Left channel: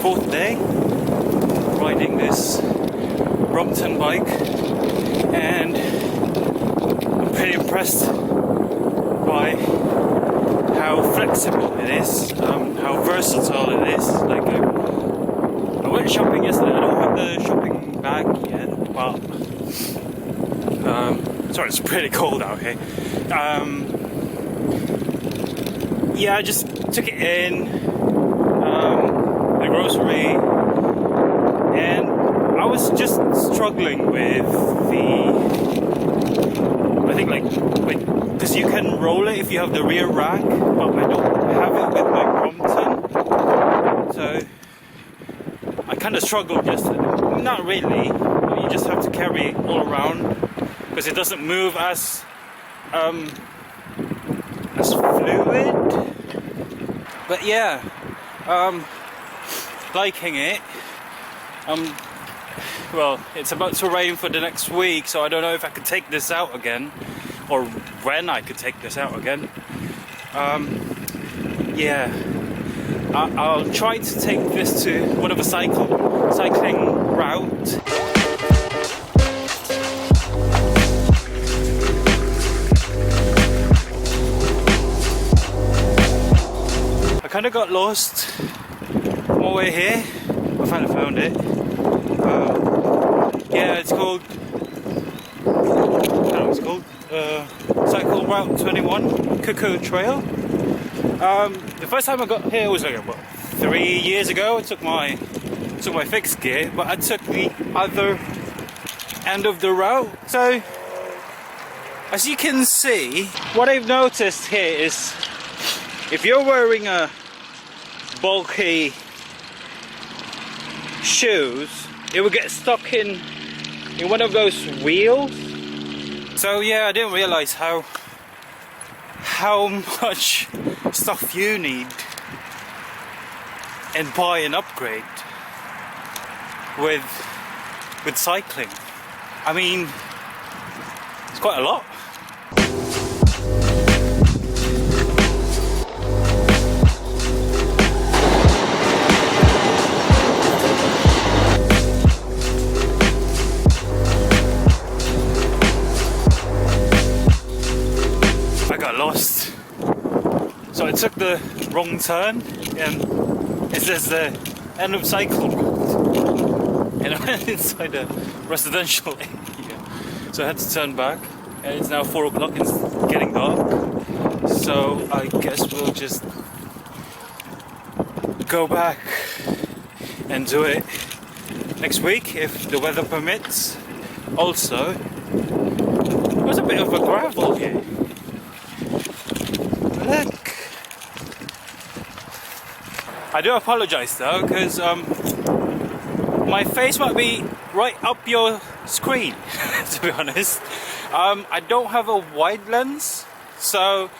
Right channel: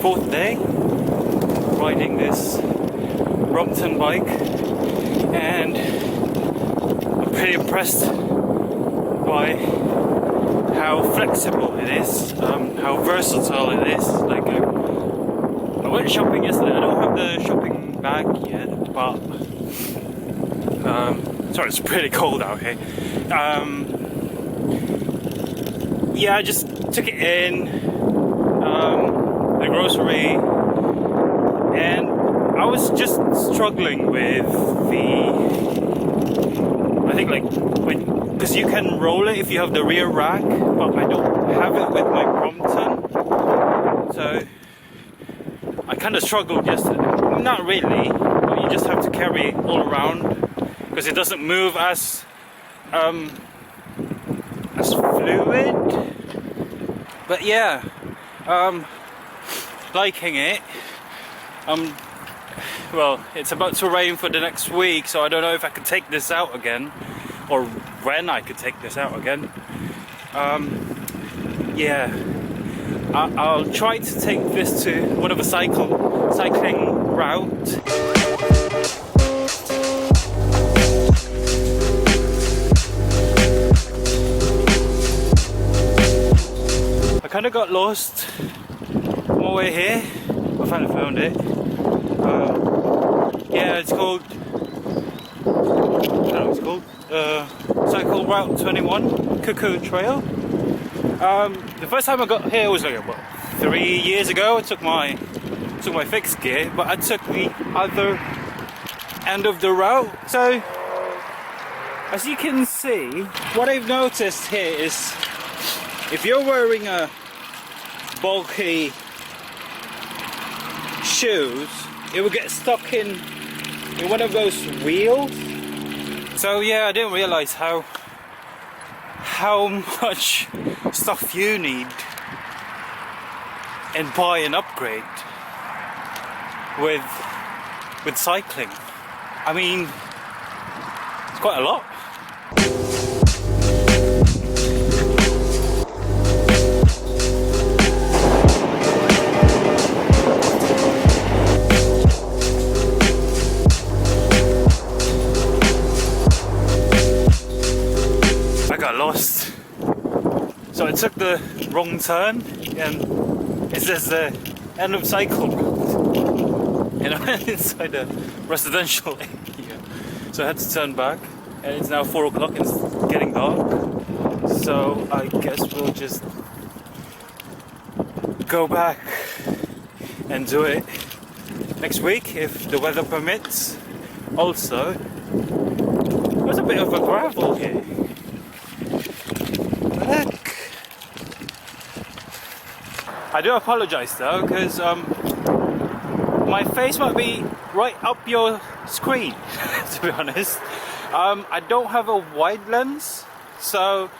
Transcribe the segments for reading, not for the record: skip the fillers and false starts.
fourth day riding this Brompton bike, and I'm pretty impressed by how flexible it is, how versatile it is. Like I went shopping yesterday. I don't have the shopping bag yet, but sorry, it's pretty cold out here. Yeah, I just took it in the grocery, and I was just struggling with I think because you can roll it if you have the rear rack, but I don't have it with my Brompton, so I kind of struggled yesterday. Not really, but you just have to carry it all around because it doesn't move as fluid. But yeah, liking it. Well, it's about to rain for the next week, so I don't know if I could take this out again, or when I could take this out again. Yeah, I'll try to take this to one of a cycling route. I kind of got lost on my way here. I finally found it. Yeah, it's called, I don't know what it's called, Cycle Route 21, Cuckoo Trail. The first time I got here was like about 3 years ago. I took my fixed gear, but I took the other end of the route. So, as you can see, what I've noticed here is if you're wearing a bulky shoes, it will get stuck in one of those wheels. So yeah, I didn't realize how much stuff you need and buy an upgrade with cycling. I mean, it's quite a lot. I got lost, so I took the wrong turn, and it says the end of cycle route, and I went inside a residential area, so I had to turn back, and it's now 4 o'clock and it's getting dark, so I guess we'll just go back and do it next week if the weather permits. Also, there's a bit of a gravel here. Look. I do apologise though, because my face might be right up your screen, to be honest. I don't have a wide lens, so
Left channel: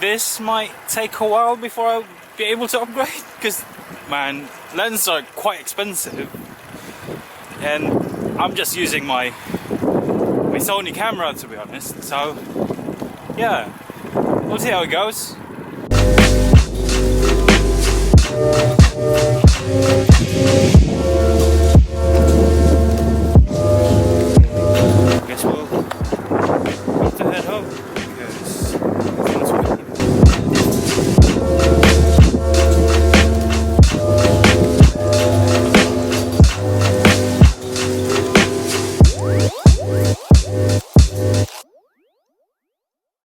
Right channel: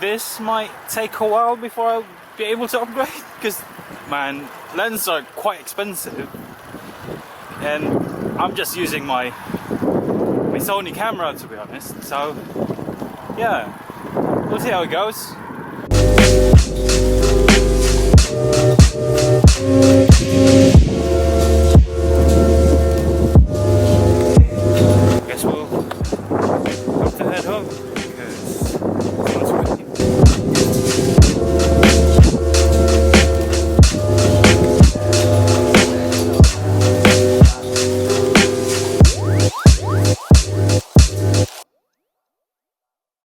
this might take a while before I'll be able to upgrade, because man, lenses are quite expensive, and I'm just using my Sony camera, to be honest. So yeah, we'll see how it goes.